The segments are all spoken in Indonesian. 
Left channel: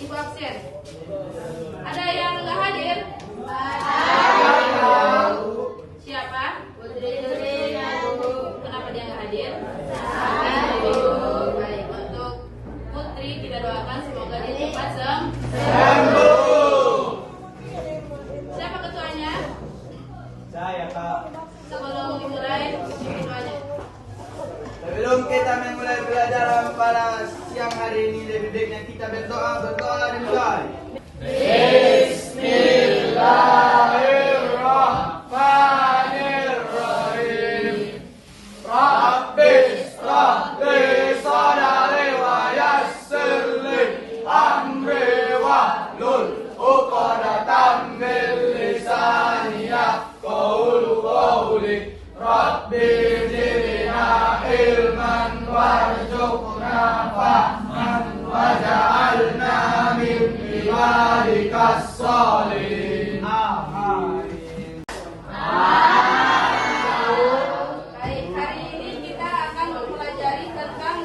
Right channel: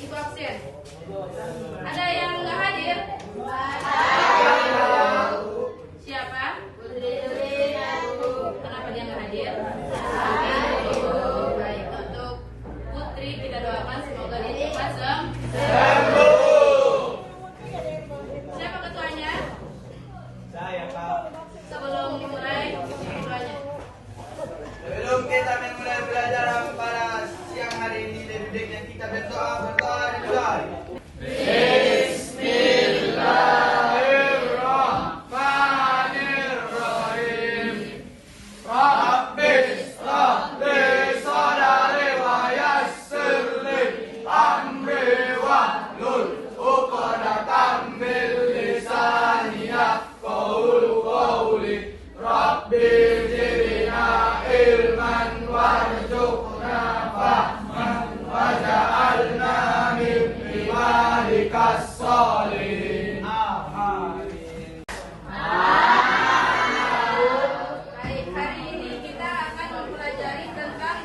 Ibu absen. Ada yang nggak hadir? Siapa? Kenapa dia nggak hadir? Baik, untuk Putri kita doakan semoga dia cepat sembuh. Siapa ketuanya? Saya, Kak. Sebelum dimulai, ketuanya. Sebelum kita memulai pelajaran pada siang hari ini, lebih baiknya kita berdoa dimulai. Bismillahirrahmanirrahim. Rabbi shrahli sadri wa yassir li amri wahlul 'uqdatam min lisani yafqahu qawli. Rabbi zidna ilman warzuqna fahman waj'alna min ibadikas sholihin. Amin. Baik, hari ini kita akan mempelajari tentang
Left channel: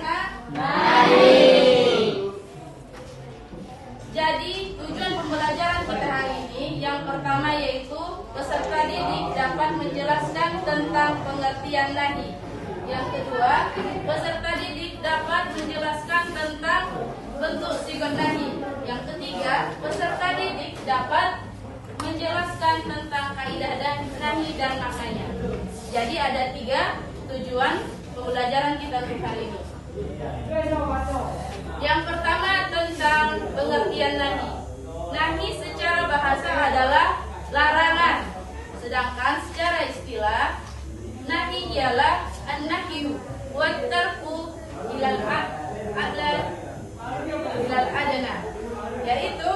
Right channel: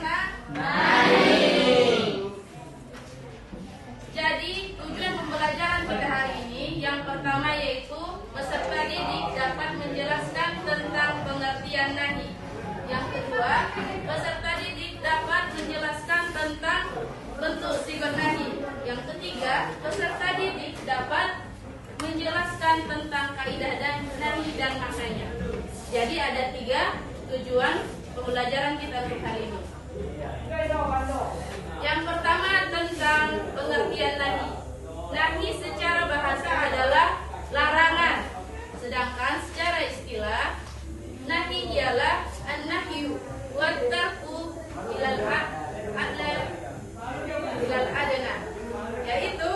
Jadi, tujuan pembelajaran kita hari ini yang pertama yaitu peserta didik dapat menjelaskan tentang pengertian nahi. Yang kedua, peserta didik dapat menjelaskan tentang bentuk sigot nahi. Yang ketiga, peserta didik dapat menjelaskan tentang kaidah dan nahi dan maknanya. Jadi ada 3 tujuan pembelajaran kita untuk hari ini. Yang pertama tentang pengertian nahi. Nahi secara bahasa adalah larangan. Sedangkan secara istilah nahi ialah an-nahyu wa tarku ilal adna, yaitu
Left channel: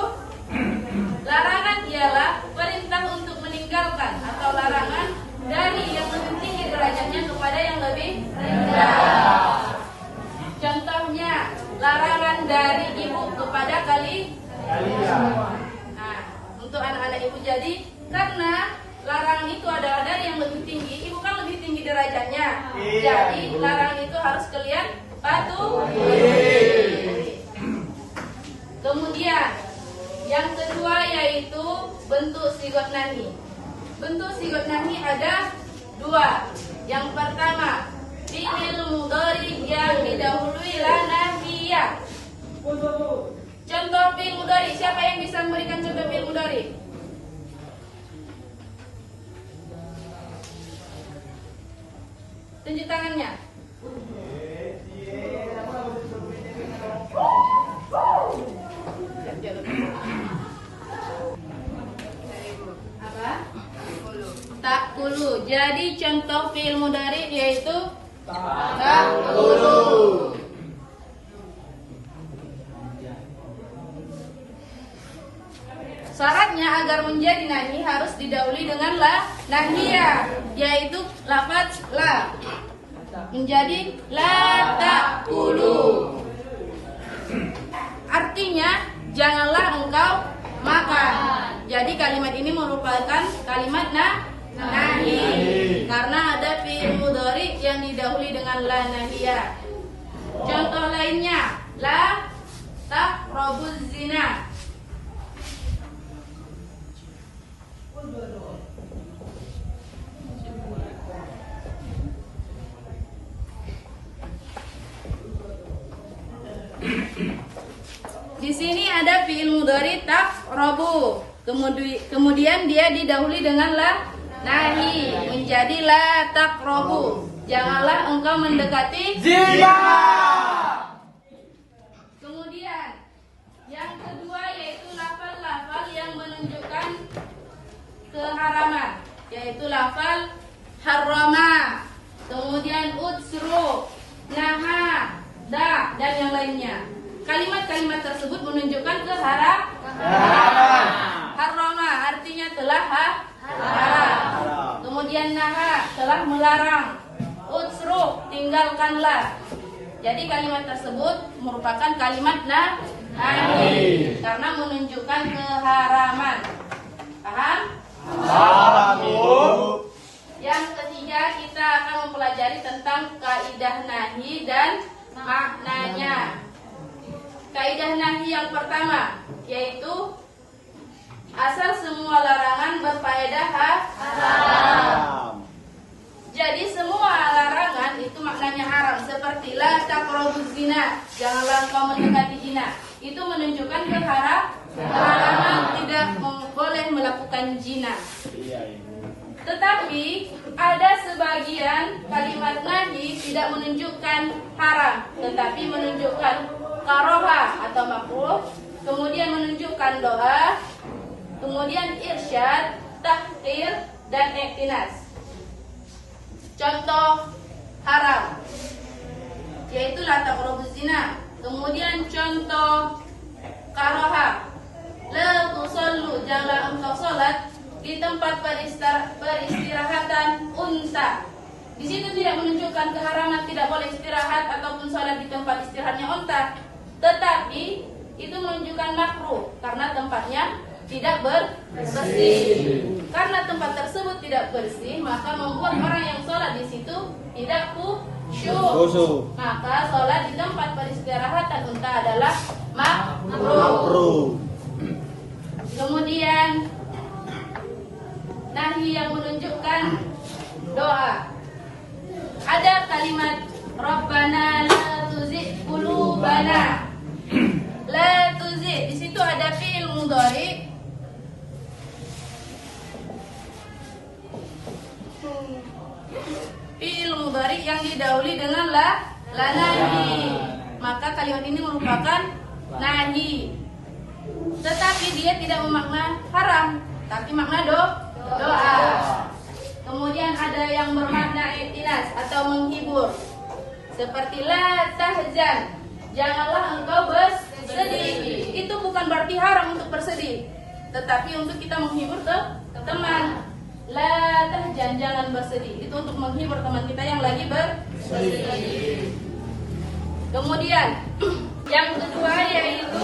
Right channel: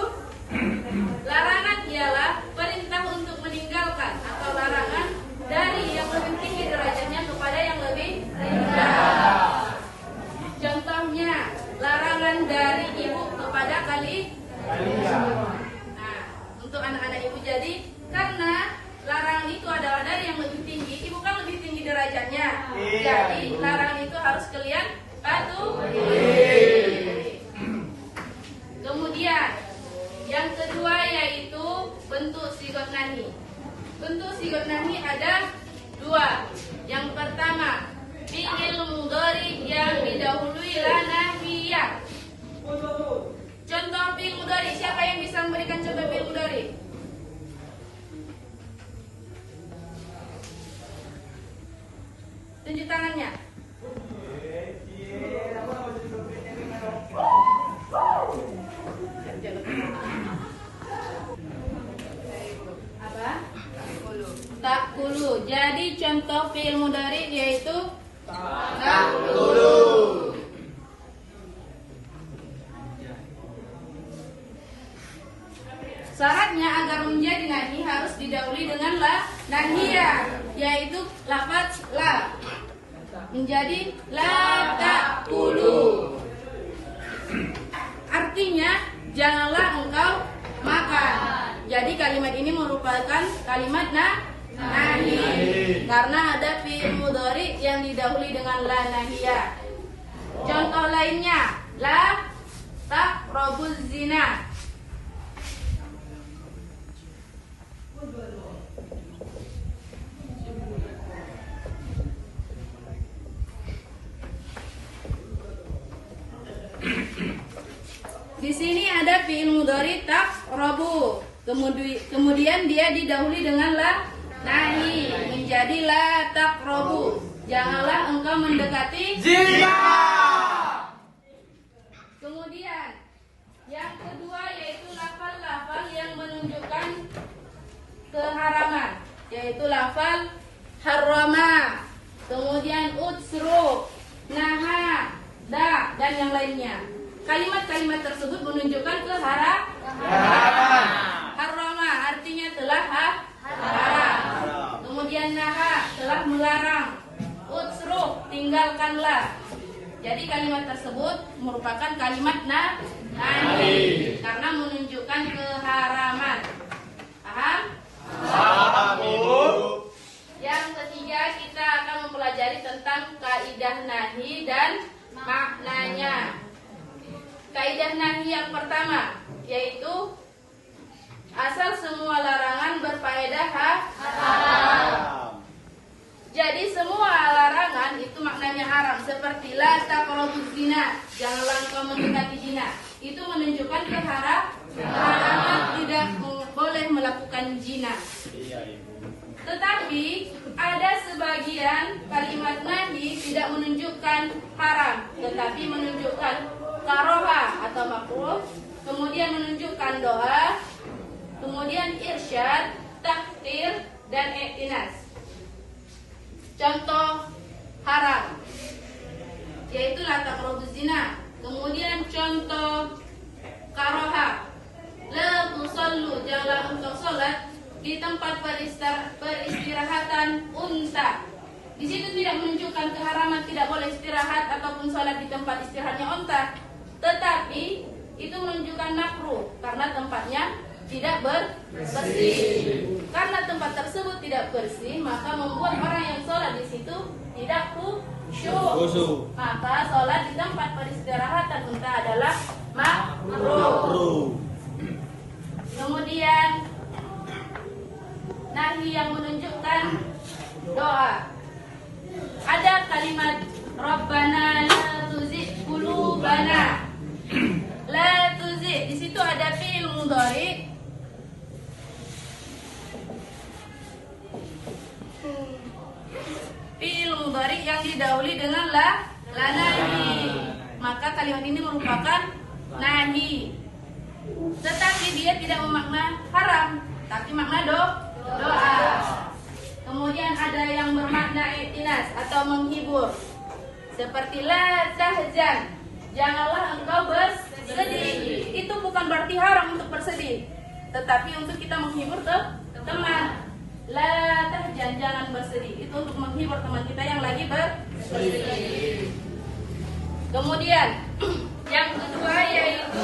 larangan ialah perintah untuk meninggalkan atau larangan dari yang lebih tinggi derajatnya kepada yang lebih rendah. Contohnya larangan dari ibu kepada kalian. Nah, untuk anak-anak ibu jadi karena larangan itu adalah dari yang lebih tinggi, ibu kan lebih tinggi derajatnya. Jadi larangan itu harus kalian patuhi. Kemudian yang kedua yaitu bentuk sigot nahi. Bentuk sigot nahi ada 2. Yang pertama, fi'il mudhari yang didahului la nahiyah. Contoh fi'il mudhari, siapa yang bisa memberikan contoh fi'il mudhari? Tunjuk tangannya. Apa? Ta'kulu. Jadi contoh fi'il mudhari yaitu ta'kulu. Syaratnya agar menjadi nahi harus didahului dengan la nahiyah, yaitu lafaz la. Menjadi la ta'kulu. Artinya janganlah engkau makan. Jadi kalimat ini merupakan kalimat nahi karena ada fi'il mudhari yang didahului dengan la nahiyah. Contoh lainnya, la taqrabuz zina. Di sini ada fi'il mudhari taqrabu. Kemudian dia didahului dengan la nahi menjadi la taqrabu. Janganlah engkau mendekati zina. Kemudian yang kedua yaitu lafal-lafal yang menunjukkan keharaman, yaitu lafal harrama, kemudian utsru, naha, da dan yang lainnya. Kalimat-kalimat tersebut menunjukkan keharaman. Harrama artinya telah haram. Kemudian naha telah melarang. Utsru tinggalkanlah. Jadi kalimat tersebut merupakan kalimat nahi karena menunjukkan keharaman. Paham? Yang ketiga kita akan mempelajari tentang kaidah nahi dan maknanya. Kaidah nahi yang pertama, yaitu asal semua larangan berfaedah Haram. Jadi semua larangan itu maknanya haram. Seperti la taqrabuz zina, janganlah engkau mendekati zina. Itu menunjukkan keharaman tidak boleh melakukan zina. Tetapi ada sebagian kalimat nahi tidak menunjukkan haram, tetapi menunjukkan karoha atau makruh, kemudian menunjukkan doa, kemudian irsyad, takhir, dan iktinas. Contoh haram yaitu la taqrabuz zina. Kemudian contoh karoha, la tusallu, janganlah engkau salat di tempat peristirahatan unta. Di situ tidak menunjukkan keharaman tidak boleh istirahat ataupun salat di tempat istirahatnya unta, tetapi itu menunjukkan makruh karena tempatnya tidak bersih. Karena tempat tersebut tidak bersih, maka membuat orang yang sholat di situ tidak khusyuk. Maka sholat di tempat peristirahatan unta adalah makruh. Kemudian nahi yang menunjukkan doa. Ada kalimat Rabbana la tuzigh qulubana. La tuzigh, di situ ada fi'il mudhari. Fi'il mudhari yang didahului dengan la nahi. Maka kalimat ini merupakan nahi. Tetapi dia tidak memakna haram, tapi makna doa. Kemudian ada yang bermakna i'tinas atau menghibur. Seperti la tahzan, janganlah engkau bersedih. Itu bukan berarti haram untuk bersedih, tetapi untuk kita menghibur teman. La tahzan, jangan bersedih. Itu untuk menghibur teman kita yang lagi bersedih. Kemudian yang kedua yaitu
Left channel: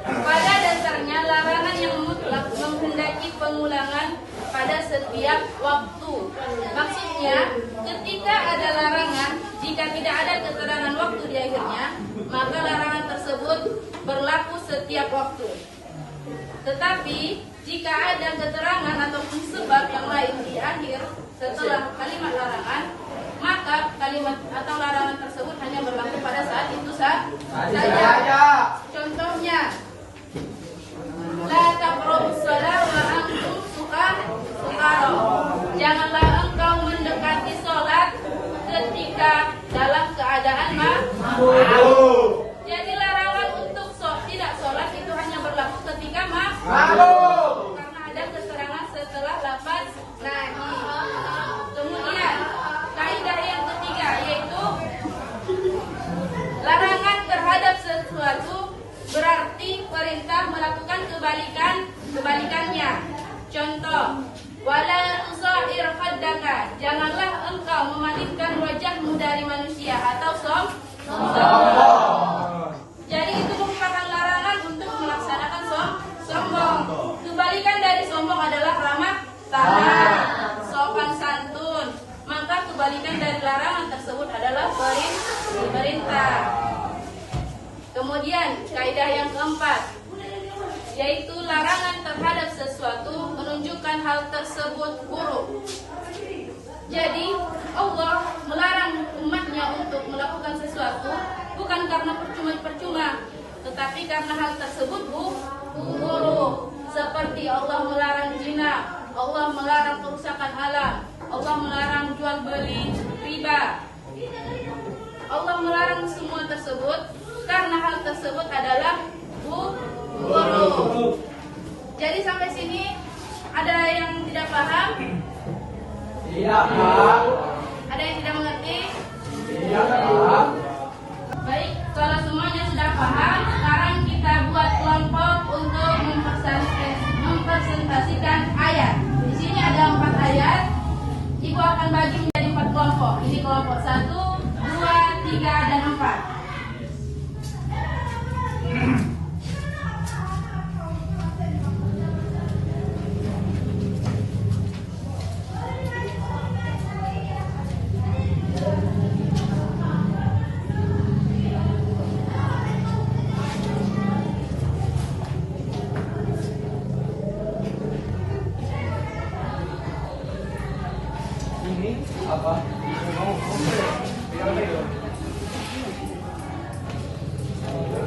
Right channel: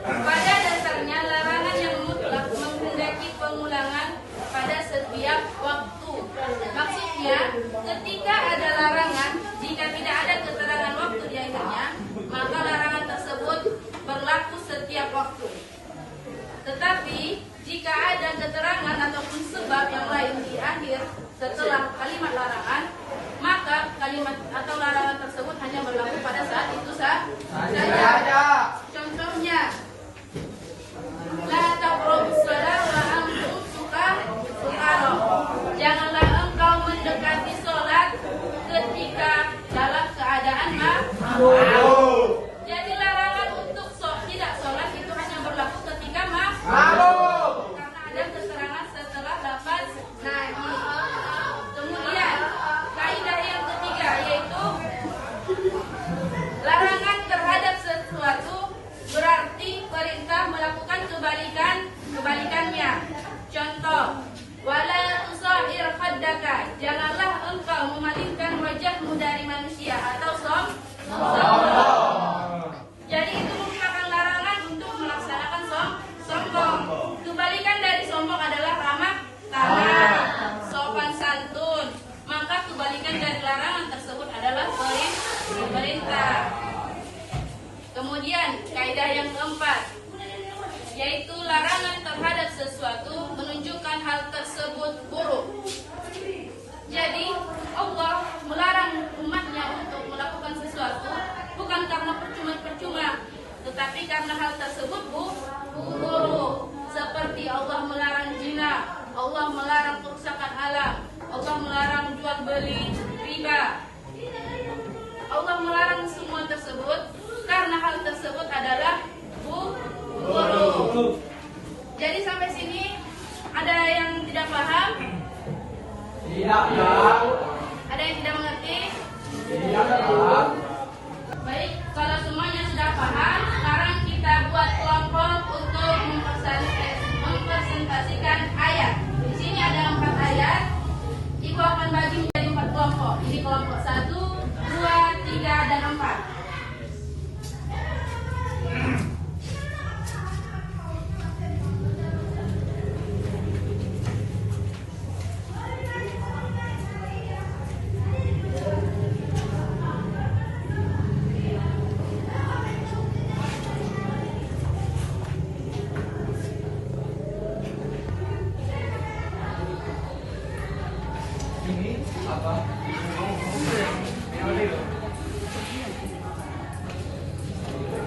pada dasarnya larangan yang mutlak menghendaki pengulangan pada setiap waktu. Maksudnya ketika ada larangan, jika tidak ada keterangan waktu di akhirnya, maka larangan tersebut berlaku setiap waktu. Tetapi jika ada keterangan ataupun sebab yang lain di akhir setelah kalimat larangan, maka kalimat atau larangan tersebut hanya berlaku pada saat itu saja. Contohnya, la taqrabus shalah wa antum sukara. Janganlah engkau mendekati sholat ketika dalam keadaan mabuk. Jadi larangan untuk tidak sholat itu hanya berlaku ketika mabuk, karena ada keterangan setelah lafaz nahi. Kemudian kaidah yang ketiga yaitu larangan terhadap sesuatu berarti perintah melakukan kebalikannya. Contoh, wala tusair khaddaka, janganlah engkau memalingkan wajahmu dari manusia atau sombong. Jadi itu merupakan larangan untuk melaksanakan sombong. Kebalikan dari sombong adalah ramah tamah, sopan santun. Maka kebalikan dari larangan tersebut adalah perintah. Kemudian kaidah yang keempat yaitu larangan terhadap sesuatu menunjukkan hal tersebut buruk. Jadi Allah melarang umatnya untuk melakukan sesuatu bukan karena percuma-percuma, tetapi karena hal tersebut buruk. Seperti Allah melarang zina, Allah melarang kerusakan alam, Allah melarang jual beli riba. Allah melarang semua tersebut karena hal tersebut adalah buruk. Jadi sampai sini ada yang tidak paham? Iya, Pak. Ada yang tidak mengerti? Iya, Pak. Baik, kalau semuanya sudah paham, sekarang kita buat kelompok untuk mempresentasikan ayat. Di sini ada 4 ayat. Ibu akan bagi menjadi 4 kelompok. Ini kelompok 1, 2, 3, dan 4.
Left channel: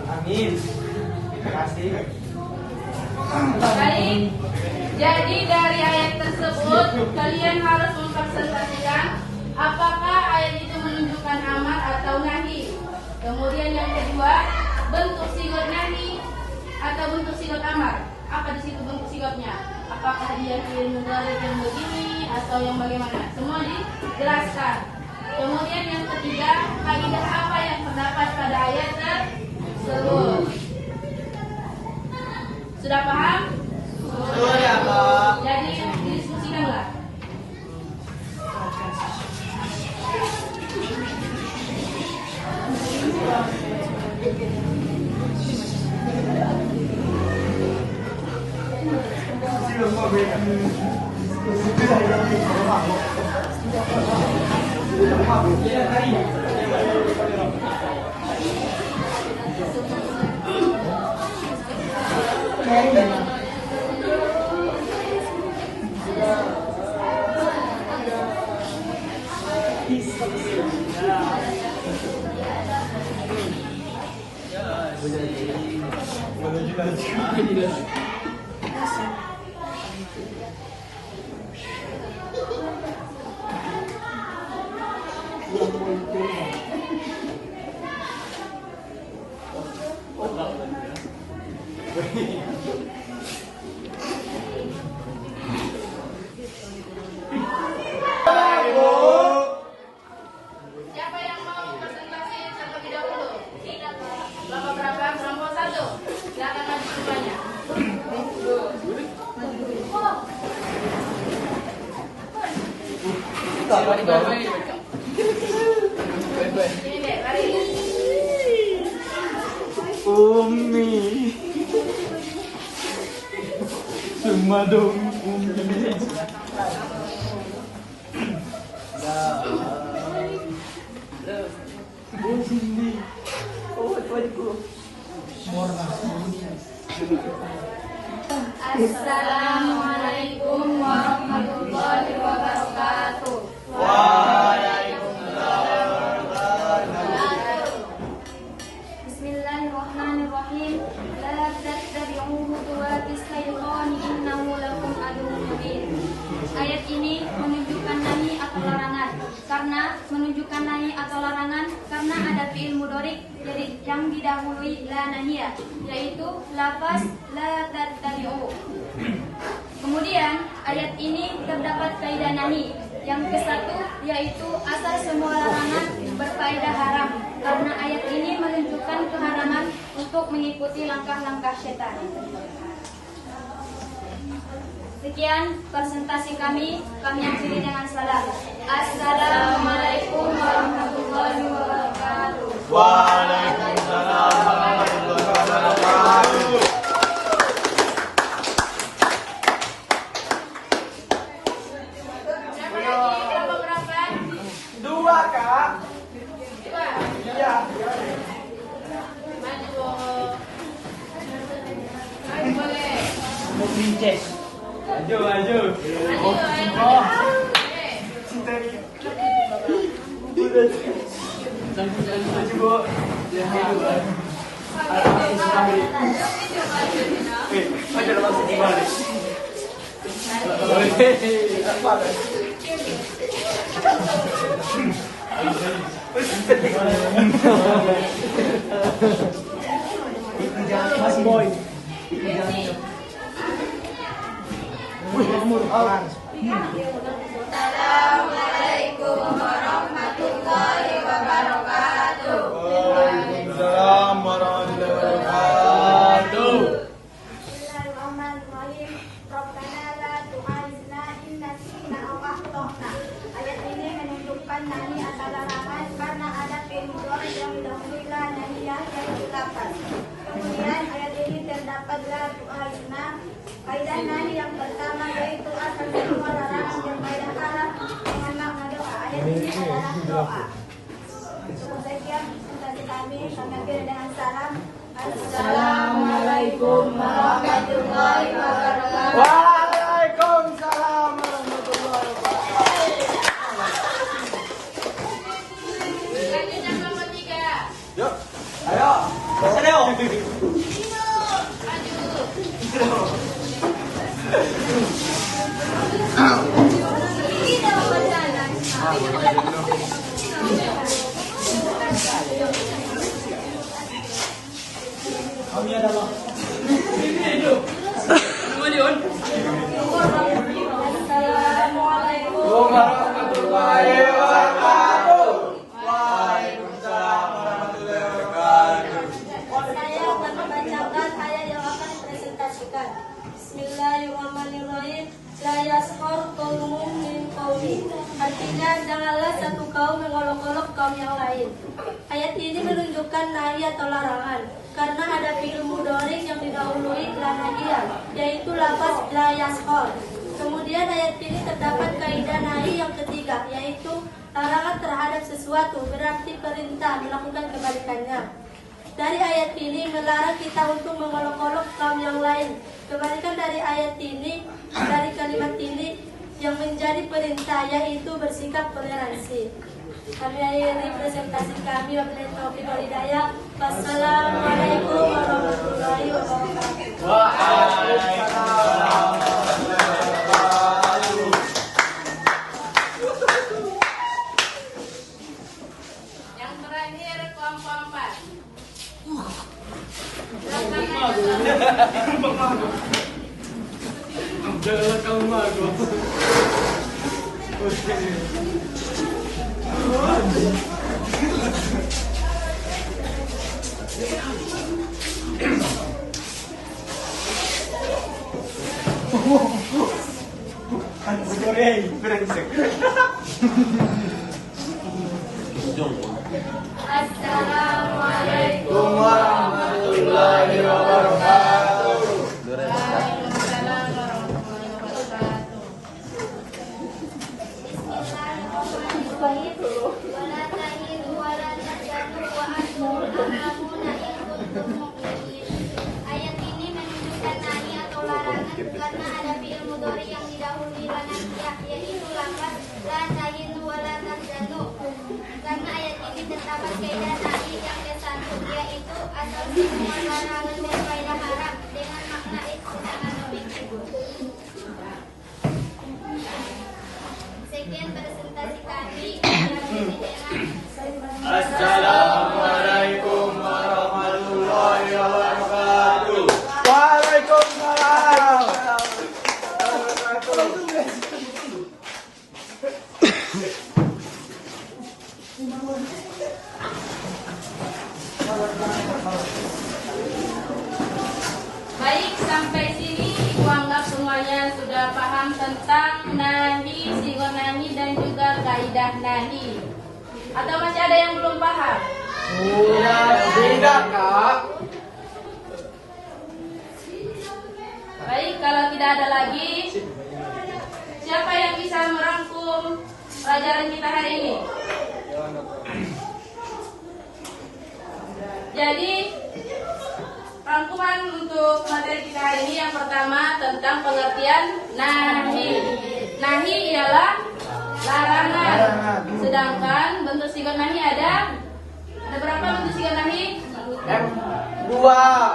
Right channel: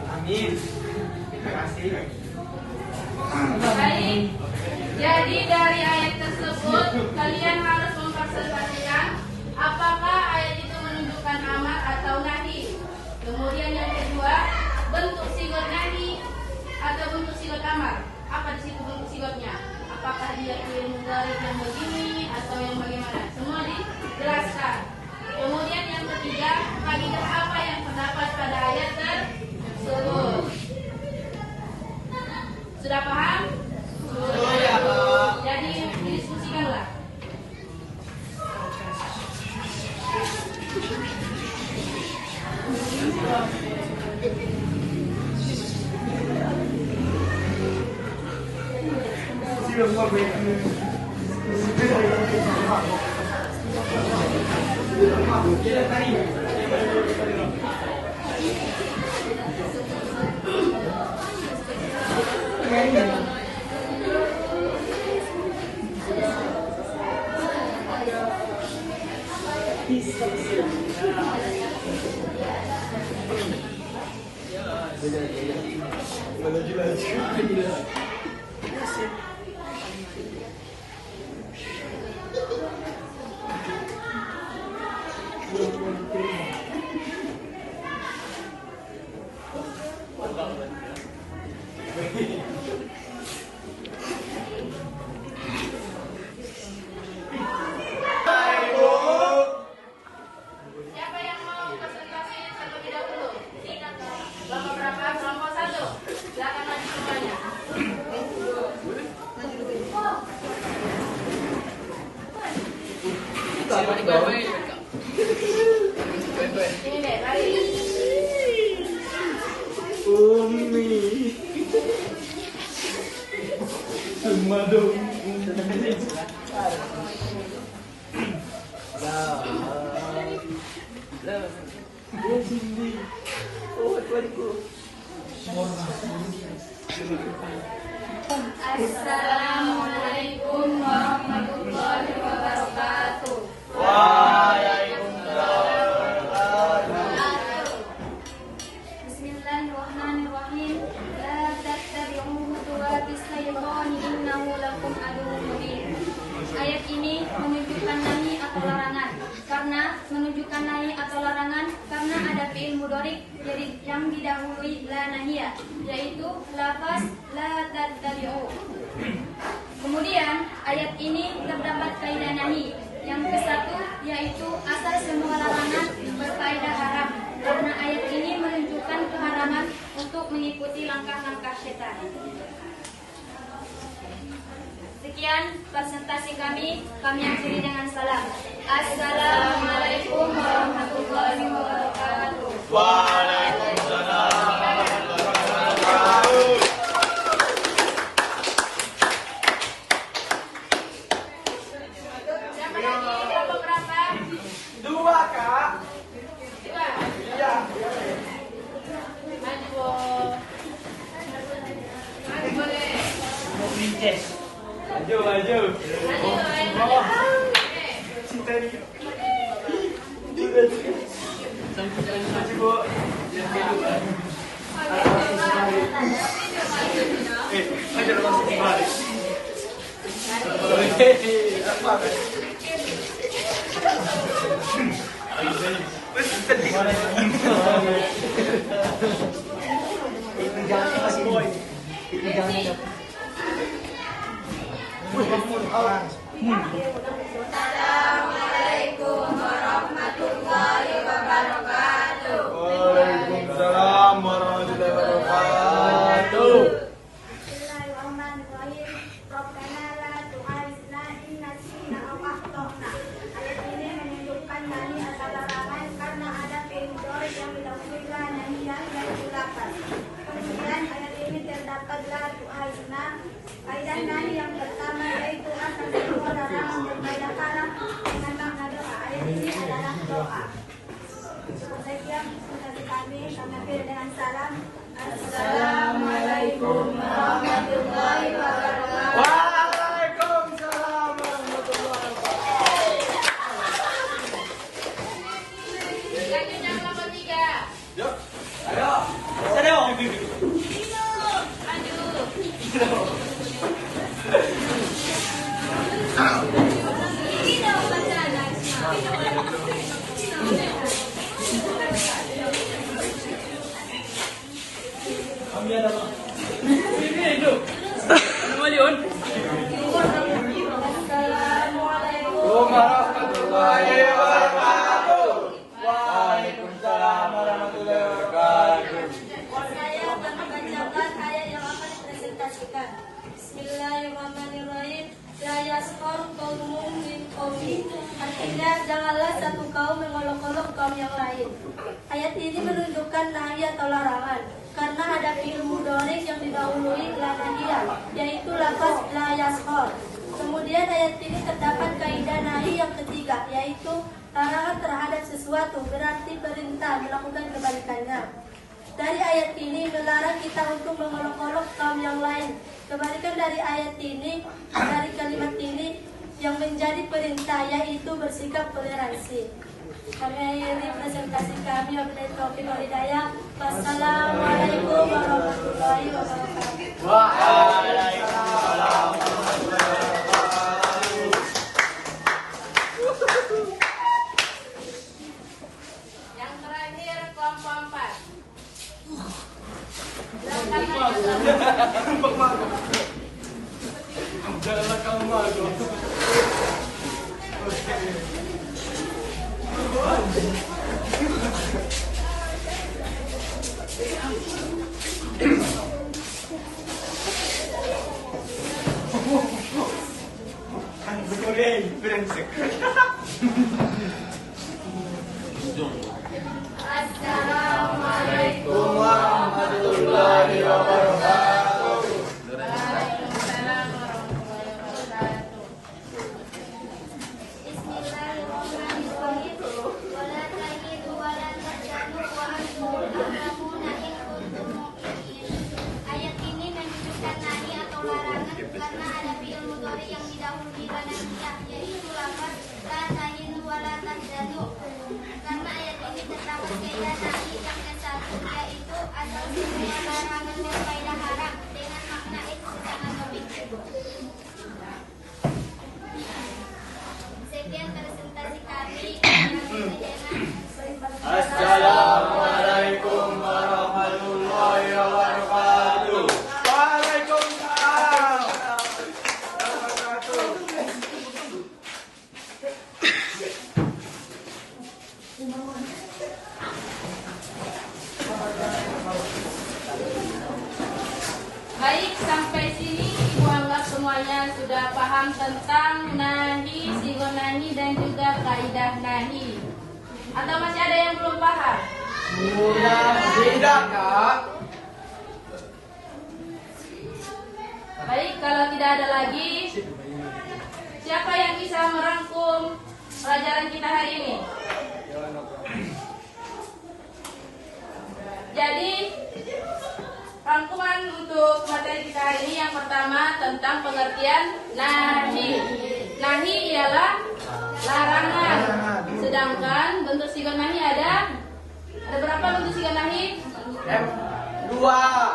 Amin. Terima kasih. Baik. Jadi dari ayat tersebut kalian harus mempresentasikan apakah ayat itu menunjukkan amar atau nahi. Kemudian yang kedua, bentuk sigot nahi atau bentuk sigot amar. Apa di situ bentuk sigotnya? Apakah dia fi'il mudhari yang begini atau yang bagaimana? Semua dijelaskan. Kemudian yang ketiga, kaidah apa yang terdapat pada ayat tersebut? Sudah paham? Sudah, Pak. Jadi diskusikanlah. Siapa yang mau presentasi terlebih dahulu? Bapak berapa? Kelompok 1. Silakan maju semuanya. Ini deh, baik. Umi. Semua dong. Assalamualaikum warahmatullahi wabarakatuh. Bismillahirrahmanirrahim. La tattabi'u khutuwatis syaitani innahu lakum aduwwun mubin. Ayat ini menunjukkan nahi atau larangan. Karena menunjukkan nahi atau larangan karena ada fi'il mudhari yang didahului la nahiyah, yaitu lafaz la tattabi'u. Kemudian ayat ini terdapat kaidah nahi. Yang ke-1 yaitu asal semua larangan berfaedah haram, karena ayat ini menunjukkan keharaman untuk mengikuti langkah-langkah setan. Sekian presentasi kami akhiri dengan salam. Assalamualaikum warahmatullahi wabarakatuh. Waalaikumsalam warahmatullahi wabarakatuh. Siapa lagi? Kelompok berapa? 2, Kak. 2. Iya. Maju. Boleh. Maju, maju. Maju, ayo. Assalamualaikum warahmatullahi wabarakatuh. Waalaikumsalam warahmatullahi wabarakatuh. Bismillahirrahmanirrahim. Rabbana la tu'akhidhna in nasina aw akhtana. Ayat ini menunjukkan nahi atau larangan karena ada fi'il mudhari yang didahului la nahiyah yang dilakukan. Kemudian ayat ini terdapat la tu'akhidhna. Kaidah nahi yang pertama yaitu asal semua larangan berfaedah haram dengan makna doa. Ayat ini adalah doa. Sekian presentasi kami akhiri dengan salam. Assalamualaikum warahmatullahi wabarakatuh. Waalaikumsalam warahmatullahi wabarakatuh. Ini dalam wacana. Assalamualaikum. Warahmatullahi wabarakatuh. Waalaikumsalam warahmatullahi wabarakatuh. Saya akan membacakan ayat yang akan dipresentasikan. Bismillahirrahmanirrahim. La yaskhar qaumun min qaumin. Artinya janganlah satu kaum mengolok-olok kaum yang lain. Ayat ini menunjukkan nahi atau larangan karena ada fi'il mudhari yang didahului la nahiyah, yaitu lafaz la yaskhar. Kemudian ayat ini terdapat kaidah nahi yang ketiga, yaitu larangan terhadap sesuatu berarti perintah melakukan kebalikannya. Dari ayat ini melarang kita untuk mengolok-olok kaum yang lain. Kebalikan dari ayat ini, dari kalimat ini yang menjadi perintah, yaitu bersikap toleransi. Kami akhiri presentasi kami. Wabillahi taufiq wal hidayah. Wassalamualaikum warahmatullahi wabarakatuh. Waalaikumsalam warahmatullahi wabarakatuh. Yang terakhir kelompok 4. Assalamualaikum warahmatullahi wabarakatuh. Wala tahilu wala tahzanu wa antumul a'lamuna in kuntum mu'minin. Ayat ini menunjukkan nahi atau larangan karena ada fi'il mudhari yang didahului la nahiyah, yaitu lafaz la tahilu wala tahzanu. Karena ayat ini terdapat kaidah nahi yang ke-1, yaitu asal semua larangan dan faedah haram dengan makna sedangkan objektif. Sekian presentasi kami. Assalamualaikum warahmatullahi wabarakatuh. Waalaikumsalam warahmatullahi Baik, sampai sini Ibu anggap semuanya sudah paham tentang nahi, sigon nahi, dan juga kaidah nahi. Atau masih ada yang belum paham? Tidak, Kak. Baik, kalau tidak ada lagi, siapa yang bisa merangkum pelajaran kita hari ini? Jadi, rangkuman untuk materi kita hari ini yang pertama tentang pengertian nahi. Nahi ialah larangan. Sedangkan bentuk sigon nahi ada berapa bentuk sigon nahi? Dua,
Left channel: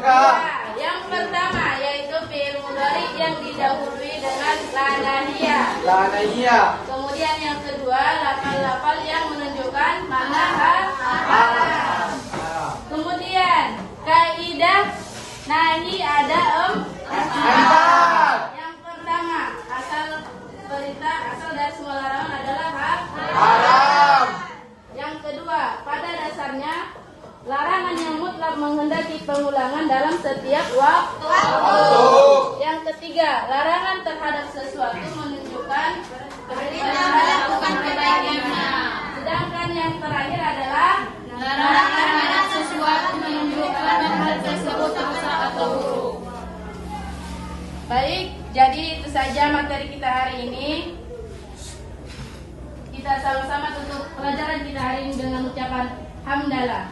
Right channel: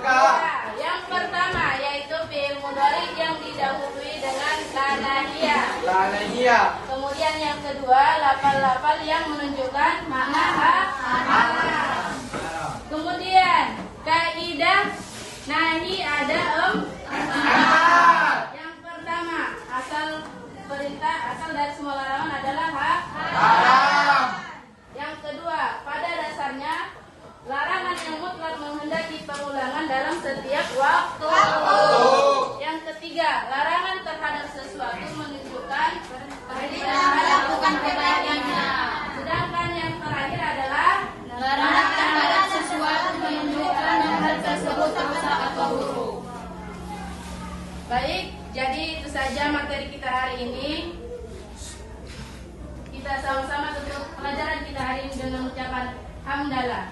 Kak. Ya, yang pertama yaitu fi'il mudhari yang didahului dengan la nahiyah. La nahiyah. Kemudian yang kedua lafal-lafal yang menunjukkan makna haram. Kemudian kaidah nahi ada Empat. Yang pertama, asal perintah, asal dari semua larangan adalah Haram. Yang kedua, pada dasarnya larangan yang mutlak menghendaki pengulangan dalam setiap waktu. Yang ketiga, larangan terhadap sesuatu menunjukkan perintah melakukan kebaikannya. Sedangkan yang terakhir adalah larangan terhadap sesuatu menunjukkan hal tersebut rusak atau buruk. Baik, jadi itu saja materi kita hari ini. Kita sama-sama tutup pelajaran kita hari ini dengan ucapan hamdalah.